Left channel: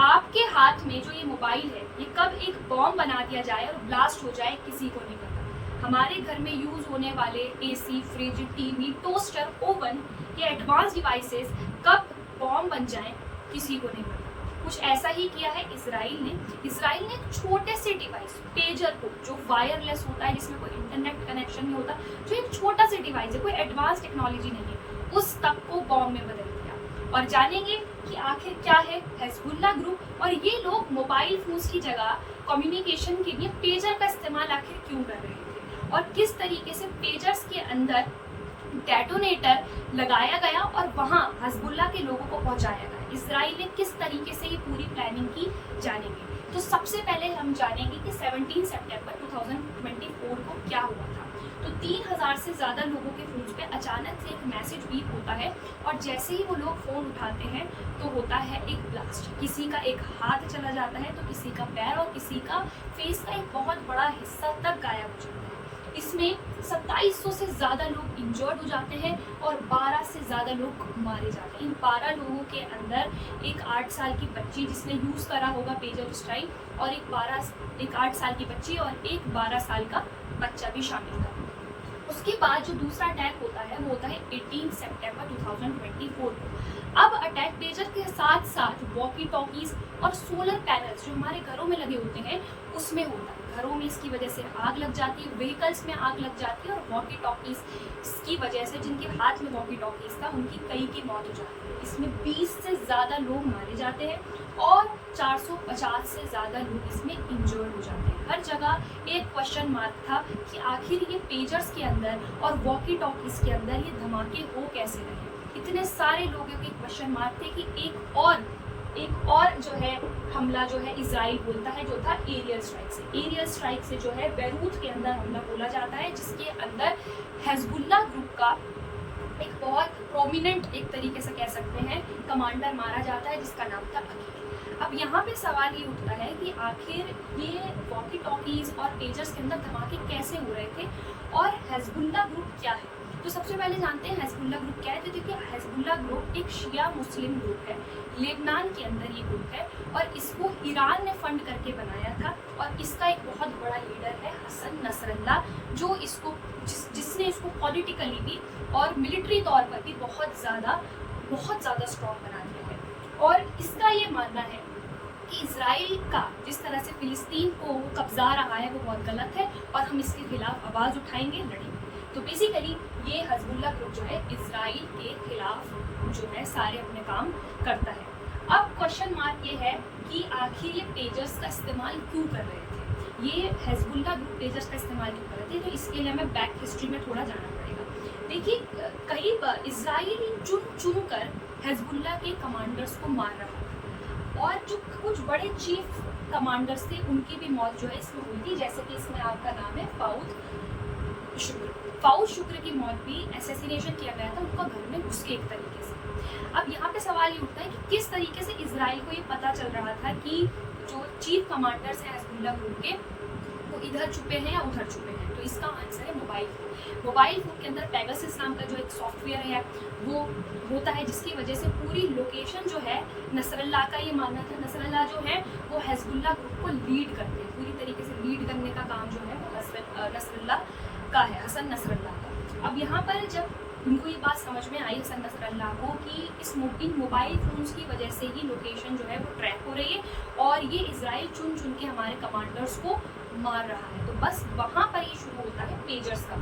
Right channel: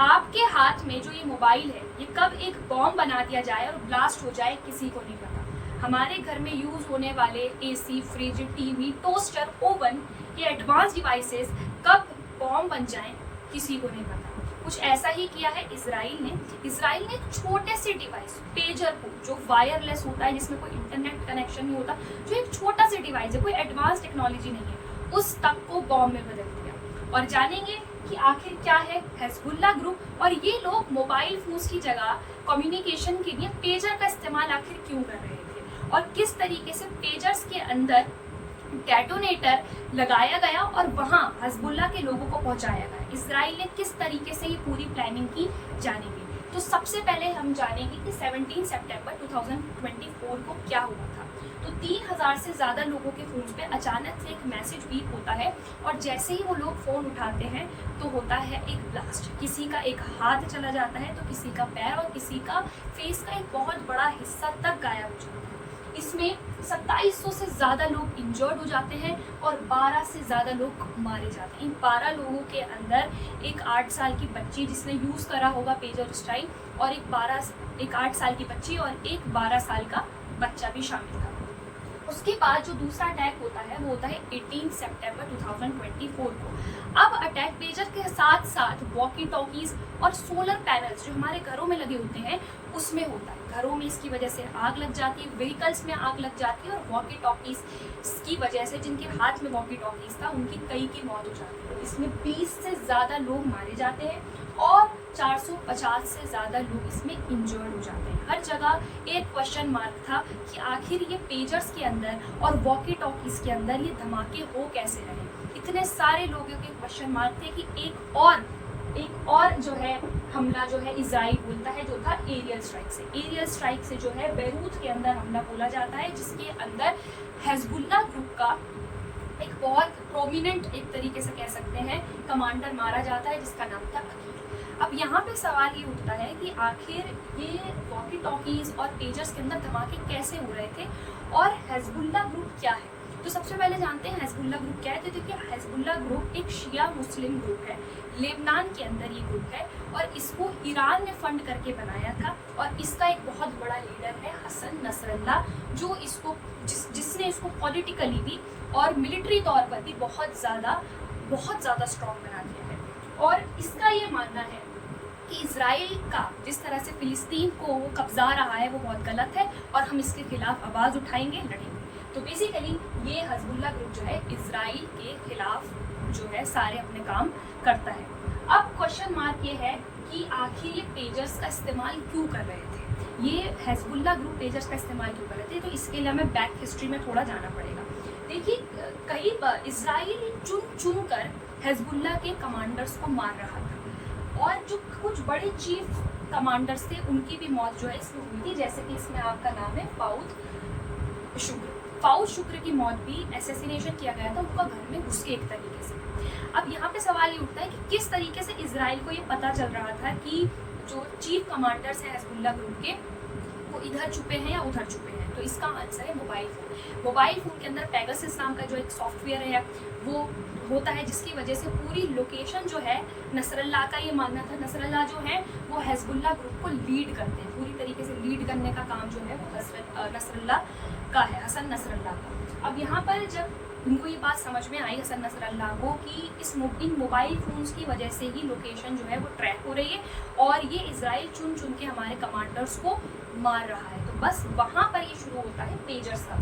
आपके हाथ में जो ये मोबाइल है, ये कब एक बॉम्ब बना दिया जाए और ब्लास्ट हो जाए, किसी को नहीं पता। हमारे घर में यूज होने वाले AC, fridge, TV, toaster, oven, ये एडवांस डिवाइसेस कब बॉम्ब बन जाएं, किसी को नहीं पता। कुछ ऐसा ही किया है इजराइल ने। इजराइल ने एक छोटे से डिवाइस, पेजर को, जो वायरलेस होता है, जिसमें कोई इंटरनेट कनेक्शन नहीं होता, जो एक छोटा सा डिवाइस है, कोई एडवांस टेक्नोलॉजी नहीं है, उस तक को बॉम्ब में बदल दिया। और जानेंगे कि आखिर क्या है हिजबुल्लाह ग्रुप, और ये लोग मोबाइल फोन्स की जगह कम्युनिकेशन के लिए पेजर का इस्तेमाल आखिर क्यों कर रहे थे, और किस तरीके से पेजर्स के अंदर डेटोनेटर लगाया गया और वहां हिजबुल्लाह के लोगों को पहुंचाया गया। इजराइल ने किस तरीके से ये पूरी प्लानिंग की, जानेंगे। तो सबसे पहले हम जानेंगे कि 17 सितंबर 2024 को क्या हुआ था। तो 3000 से ज़्यादा लोगों के फ़ोन पे अचानक से एक मैसेज बीप होता है, और जैसे ही वो लोग फ़ोन उठाते हैं तो होता है एक ब्लास्ट। किसी का एक हाथ चला जाता है, तो किसी का पैर, और किसी का फेस का एक बहुत बड़ा हिस्सा तक गायब हो जाता है। इसमें 2700 से ज़्यादा लोग इंजर्ड हो जाते हैं और 12 से ज़्यादा लोग मारे जाते हैं। इन 12 लोगों के अंदर एक 8 साल की बच्ची जिसने यूज़ करा होगा पेजर उस टाइम, और एक 8 साल की बच्ची और एक 12 साल का बच्चा भी शामिल था। उसके बाद जो दूसरा अटैक होता है वो होता है 18 सितंबर 2024 को। अब अटैक पेजर के साथ साथ वॉकी टॉकीज और सोलर पैनल्स जो हमारे घरों में लगे होते हैं उसमें होता है। घरों में इसकी वजह से आग लग जाती है, व्हीकल्स में आग लग जाती है, और वॉकी टॉकीज की वजह से जिनके हाथ में वॉकी टॉकीज था उनकी कई की मौत हो जाती है। इसमें 20 से ज़्यादा लोग मारे जाते हैं और 450 से ज़्यादा लोग इसमें इंजर्ड हो जाते हैं। हर जगह एक क्वेश्चन मार्क था कि आखिर ये पेजर्स के अंदर और वॉकी टॉकीज के अंदर ये धमाके हो कैसे रहे। इतने सारे लोगों के क्वेश्चन मार्क थे कि एक और जो है हमला जो है इजराइल बोलता है, जो था एरियल स्ट्राइक से। एरियल स्ट्राइक से जो है बैरूत के अंदर हमला बोला जाता है, जिसके अंदर हिजबुल्लाह ग्रुप का एक बहुत प्रोमिनेंट, एक तरीके से कह सकते हैं, कमांडर मारा जाता है, जिसका नाम था अकील। अब यहाँ पे सवाल ये उठता है कि आखिर ये वॉकी टॉकीज और पेजर्स के अंदर धमाके कैसे हो रहे थे, और हिजबुल्लाह ग्रुप क्या है। तो सबसे पहले जानते हैं हिजबुल्लाह ग्रुप क्या है। तो देखिए, हिजबुल्लाह ग्रुप एक शिया मुस्लिम ग्रुप है, लेबनान के अंदर ये ग्रुप है, और इसको ईरान ने फंड करके बनाया था, और इसका एक बहुत बड़ा लीडर है हसन नसरल्लाह, जो इसको जिसने इसको पॉलिटिकली भी और मिलिट्री तौर पर भी बहुत ज़्यादा स्ट्रॉन्ग बना दिया है। और इसका ये मानना है कि इजराइल का जिस तरह से फिलिस्तीन को कब्जा रहा है वो बहुत गलत है, और हम इसके खिलाफ आवाज़ उठाएंगे, लड़ेंगे। तो बेसिकली ये हिजबुल्लाह ग्रुप जो है इजराइल के खिलाफ जो है सारे अपने काम करता है। अब क्वेश्चन मार्क ये है कि आखिर ये पेजर्स का इस्तेमाल क्यों कर रहे थे, ये हिजबुल्लाह ग्रुप पेजर्स का इस्तेमाल क्यों कर रहे थे। तो इसके लिए हमें बैक हिस्ट्री में थोड़ा जाना पड़ेगा। देखिए, कई बार इजराइल चुन कर हिजबुल्लाह के कमांडर्स को मार रहा था, और जो कुछ बड़े चीफ कमांडर्स थे उनकी भी मौत जो है इसमें हुई थी। जैसे कि इसमें आपका नाम है फाउद शुक्र की मौत भी असैसिनेशन किया गया था उनका घर में घुस के एक तरीके से। अब यहाँ पे सवाल ये उठता है कि किस तरीके से इजराइल को ये पता चल रहा था कि जो चीफ कमांडर्स हैं हिजबुल्लाह ग्रुप के वो इधर छुपे हैं या उधर छुपे हैं। तो इसका आंसर है मोबाइल फ़ोन। मोबाइल फ़ोन के अंदर पेगासस नाम का जो एक सॉफ्टवेयर है वो होता है, जिसकी वजह से पूरी लोकेशन जो है नसरल्लाह का ये मानना था। नसरल्लाह जो है वो हिजबुल्लाह ग्रुप को लीड करते हैं, पूरी तरीके से लीड करने का काम जो है वो नसरल्लाह का है, हसन नसरल्लाह का। अब यहाँ पर जब उनको ये बात समझ में आई हसन नसरल्लाह को कि इन मोबाइल फ़ोन्स की वजह से ही लोकेशन जो है वो ट्रैक हो रही है, और ये इजराइल चुन के हमारे कमांडर्स को मार रहा है, तो बस वहाँ पर ये शुरू होता है पेजर्स का।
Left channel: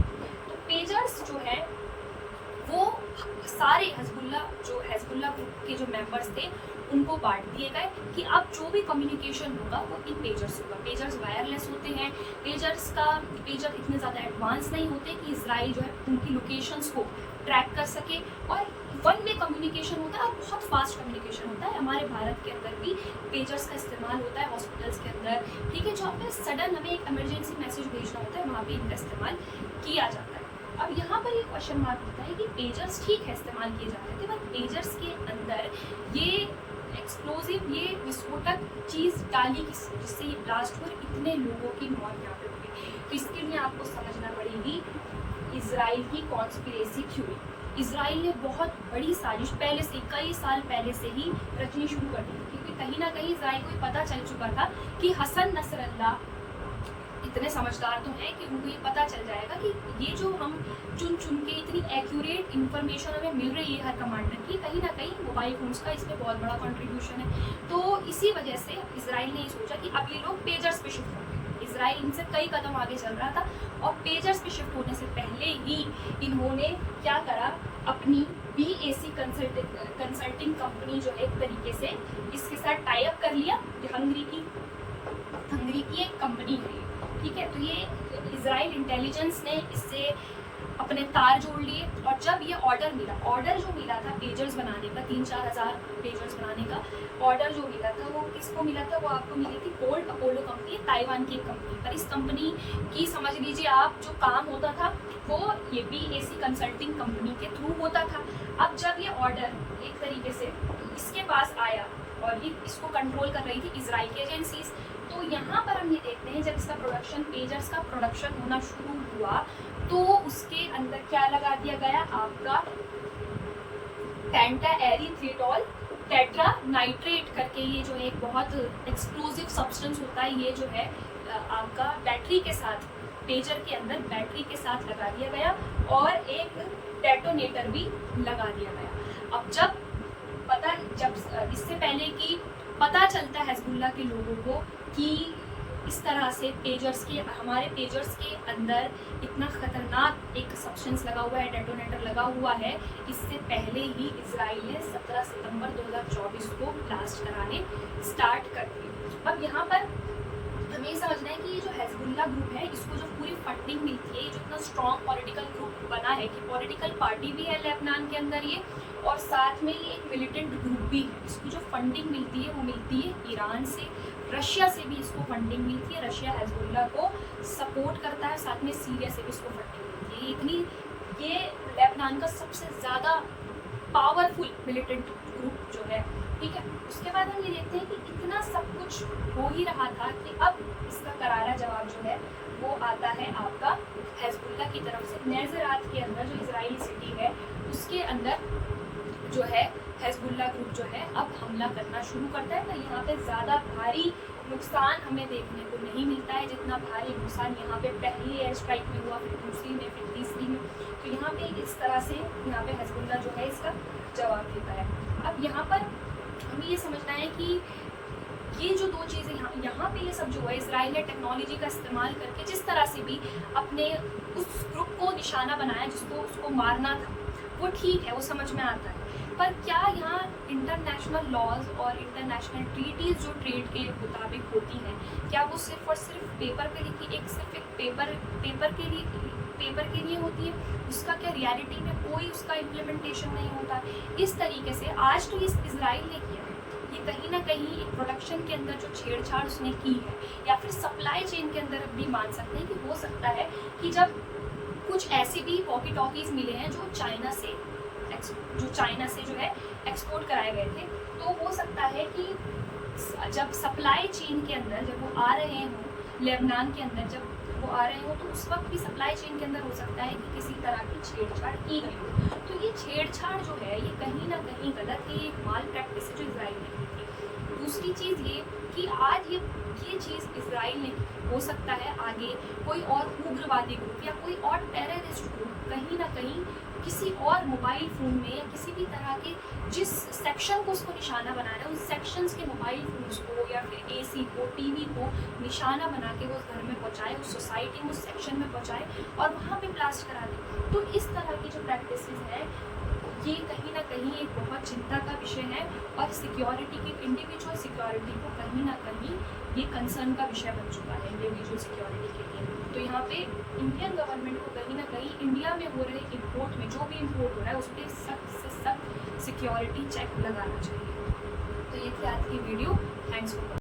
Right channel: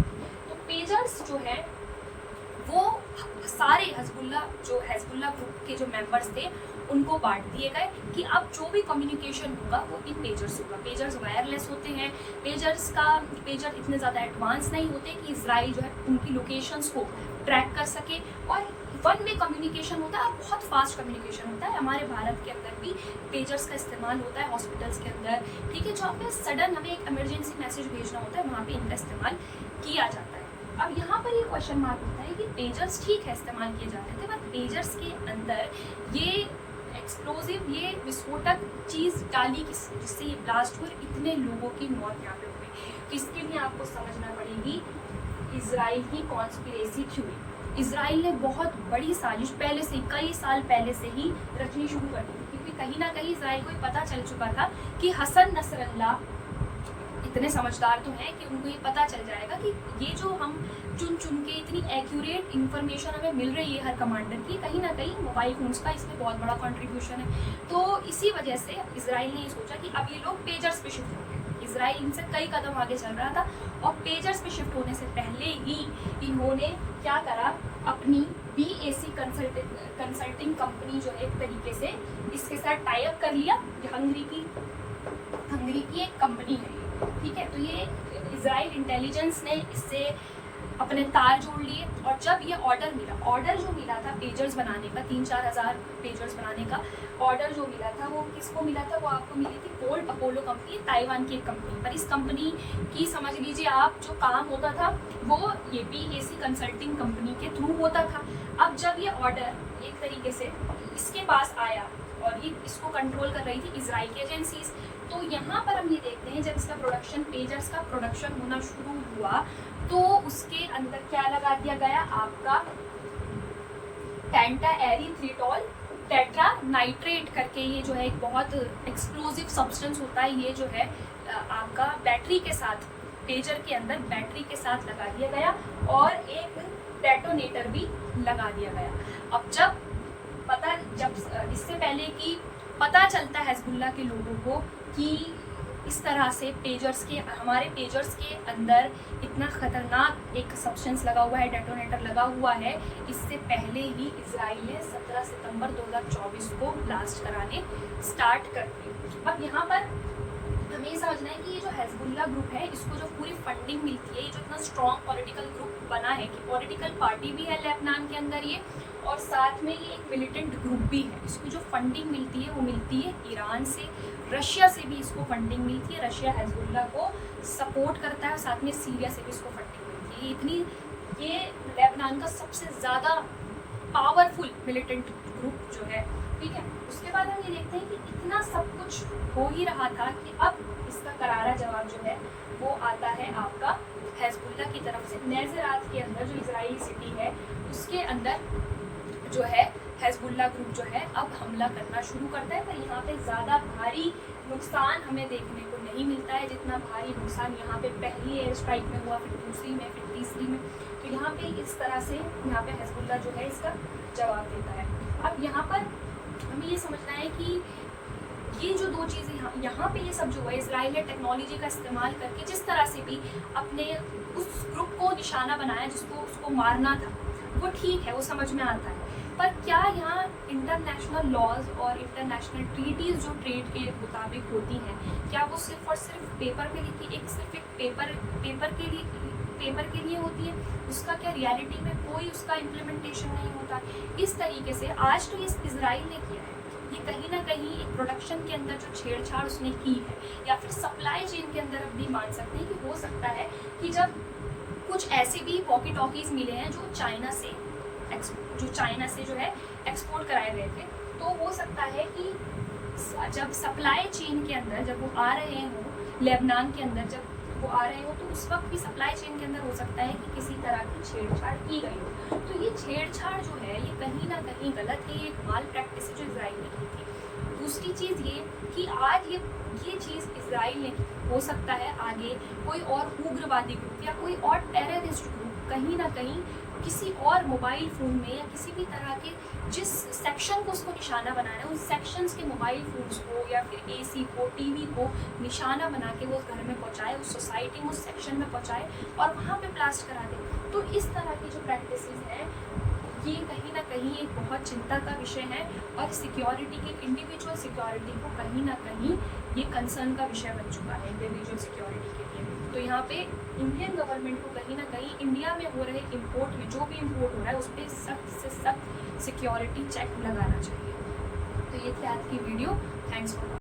तो पेजर्स जो है वो सारे हिजबुल्लाह ग्रुप के जो मेंबर्स थे उनको बांट दिए गए कि अब जो भी कम्युनिकेशन होगा वो इन पेजर्स होगा। पेजर्स वायरलेस होते हैं, पेजर इतने ज़्यादा एडवांस नहीं होते कि इजराइल जो है उनकी लोकेशंस को ट्रैक कर सके, और वन वे कम्युनिकेशन होता है और बहुत फास्ट कम्युनिकेशन होता है। हमारे भारत के अंदर भी पेजर्स का इस्तेमाल होता है हॉस्पिटल्स के अंदर, ठीक है, जहाँ पे सडन हमें एक इमरजेंसी मैसेज भेजना होता है वहाँ पे इनका इस्तेमाल किया जाता है। अब यहाँ पर ये क्वेश्चन मार्क होता है कि पेजर्स ठीक है इस्तेमाल किए जाते थे, बट पेजर्स के अंदर ये एक्सप्लोजिव, ये विस्फोटक चीज़ डाली किसने, जिससे ये ब्लास्ट हुआ, इतने लोगों की मौत यहाँ पे हुई। तो इसके लिए आपको समझना पड़ेगी इजराइल की कॉन्स्पिरेसी थ्योरी। इजराइल ने बहुत बड़ी साजिश पहले से, कई साल पहले से ही रचनी शुरू कर दी थी, क्योंकि कहीं ना कहीं इजराइल को ये पता चल चुका था कि हसन नसरल्ला इतने समझदार तो हैं कि उनको ये पता चल जाएगा कि ये जो हम चुन चुन के इतनी एक्यूरेट इन्फॉर्मेशन हमें मिल रही है हर कमांडर की, कहीं ना कहीं मोबाइल फोन्स का इसमें बहुत बड़ा कंट्रीब्यूशन है। तो इसी वजह से इजराइल ने ये सोचा कि अब ये लोग पेजर्स पे शिफ्ट हो गए। इजराइल इनसे कई कदम आगे चल रहा था और पेजर्स पे शिफ्ट होने से पहले ही इन्होंने क्या करा, अपनी BAC कंसल्टिंग कंपनी जो है एक तरीके से इसके साथ टाई अप कर लिया। हंगरी की एक कंपनी है, ठीक है। तो ये इजराइल इंटेलिजेंस ने इससे अपने तार जोड़ लिए और जब ये ऑर्डर जो मिला था पेजर्स बनाने का, 3-4 हज़ार पेजर्स बनाने का ऑर्डर जो मिला था, वो किसको मिला था, वो आपको मिली थी गोल्ड अपोलो कंपनी, ताइवान की एक कंपनी पर। इस कंपनी की समझ लीजिए आप जो काम होता था वो ये BAC कंसल्टिंग कंपनी के थ्रू होता था। अब जब ये ऑर्डर एक तरीके से इसके पास आया और ये इसको कंट्रोल कर रही थी इजराइल की एजेंसीज, तो यहाँ पर हम ये देखते हैं जब इसका प्रोडक्शन, पेजर्स का प्रोडक्शन होना शुरू हुआ तो उसके अंदर क्या लगा दिया गया, आपका पेंटाएरिथ्रिटोल टेट्रा नाइट्रेट करके, ये जो है एक बहुत एक्सप्लोजिव सब्सटेंस होता है। ये जो है आपका बैटरी के साथ, पेजर के अंदर बैटरी के साथ लगा दिया गया और एक डेटोनेटर भी लगा दिया गया। अब जब इससे पहले कि पता चलता है हिजबुल्लाह के लोगों को कि इस तरह से हमारे पेजर्स के अंदर इतना खतरनाक एक सब्सटेंस लगा हुआ है, डेटोनेटर लगा हुआ है, इससे पहले ही इजराइल ने 17 सितंबर 2024 को ब्लास्ट कराने स्टार्ट कर दिए। अब यहाँ पर हमें ये समझना है कि ये जो हिजबुल्लाह ग्रुप है, इसको जो पूरी फंडिंग मिलती है, ये जो इतना स्ट्रॉन्ग पॉलिटिकल ग्रुप बना है कि पॉलिटिकल पार्टी भी है लेबनान के अंदर ये, और साथ में ये एक मिलिटेंट ग्रुप भी है। इसको जो फंडिंग मिलती है वो मिलती है ईरान से, रशिया से भी इसको फंडिंग मिलती है। रशिया हिजबुल्लाह को सपोर्ट करता है, साथ में सीरिया से भी इसको फंडिंग मिलती है। ये लेबनान का सबसे ज़्यादा पावरफुल मिलिटेंट ग्रुप जो है, ठीक है। उसके बाद हम ये देखते हैं कि इतना सब कुछ हो ही रहा था कि अब इसका करारा जवाब जो है वो आता है आपका हिजबुल्लाह की तरफ से। नेज़रात के अंदर जो इजरायली सिटी है उसके अंदर जो है हिजबुल्लाह ग्रुप जो है अब हमला करना शुरू करता है, पर यहाँ पे ज़्यादा भारी नुकसान हमें देखने को नहीं मिलता है जितना भारी नुकसान यहाँ पे पहली एयर स्ट्राइक में हुआ, फिर दूसरी में, फिर तीसरी में। तो यहाँ पे इस तरह से यहाँ पे हिजबुल्लाह जो है इसका जवाब देता है। अब यहाँ पर हमें ये समझना है कि ये जो दो चीज़ें यहाँ पे ये सब जो है, इजराइल ने टेक्नोलॉजी का इस्तेमाल करके जिस तरह से भी अपने उस ग्रुप को निशाना बनाया जिसको उसको मारना था, वो ठीक है, वो समझ में आता है। पर क्या यहाँ इंटरनेशनल लॉज और इंटरनेशनल ट्रीटीज़ जो ट्रेड के मुताबिक होती हैं, क्या वो सिर्फ और सिर्फ पेपर पे लिखी, सिर्फ एक पेपर के लिए होती है? उसका क्या रियलिटी में कोई उसका इम्प्लीमेंटेशन नहीं होता? इस तरीके से आज तो इस इजराइल ने किया है, ये कहीं ना कहीं एक प्रोडक्शन के अंदर जो छेड़छाड़ उसने की है, या फिर सप्लाई चेन के अंदर अब भी मान सकते हैं कि हो सकता है कि जब कुछ ऐसे भी वॉकी टॉकीज़ मिले हैं जो चाइना से जो है एक्सपोर्ट कराए गए थे, तो हो सकता है कि जब सप्लाई चेन के अंदर जब वो आ रहे हों, लेबनान के अंदर जब वो आ रहे हो, तो उस वक्त भी सप्लाई चेन के अंदर हो सकता है कि किसी तरह की छेड़छाड़ की गई हो। तो ये छेड़छाड़ जो है ये कहीं ना कहीं गलत है, ये एक माल प्रैक्टिस है जो इजराइल ने की थी। दूसरी चीज़ ये कि आज ये चीज़ इजराइल ने हो सकता है आगे कोई और उग्रवादी ग्रुप या कोई और टेररिस्ट ग्रुप कहीं ना कहीं किसी और मोबाइल फ़ोन में या किसी भी तरह के जिस सेक्शन को उसको निशाना बनाना है, उस सेक्शंस के मोबाइल फ़ोन्स को या फिर AC को, TV को निशाना बना के वो उस घर में पहुंचाए, उस सोसाइटी में, उस सेक्शन में पहुंचाए और वहाँ पे ब्लास्ट करा दे। तो इस तरह की जो प्रैक्टिसेस हैं ये कहीं ना कहीं एक बहुत चिंता का विषय है और सिक्योरिटी के, इंडिविजुअल सिक्योरिटी को कहीं ना कहीं ये कंसर्न का विषय बन चुका है इंडिविजुअल सिक्योरिटी के लिए। तो यहाँ पे इंडियन गवर्नमेंट को कहीं ना कहीं इंडिया में हो रहे इंपोर्ट में, जो भी इंपोर्ट हो रहा है उस पर सख्त से सख्त सिक्योरिटी चेक लगाना चाहिए। तो ये थी आज की वीडियो। Thanks for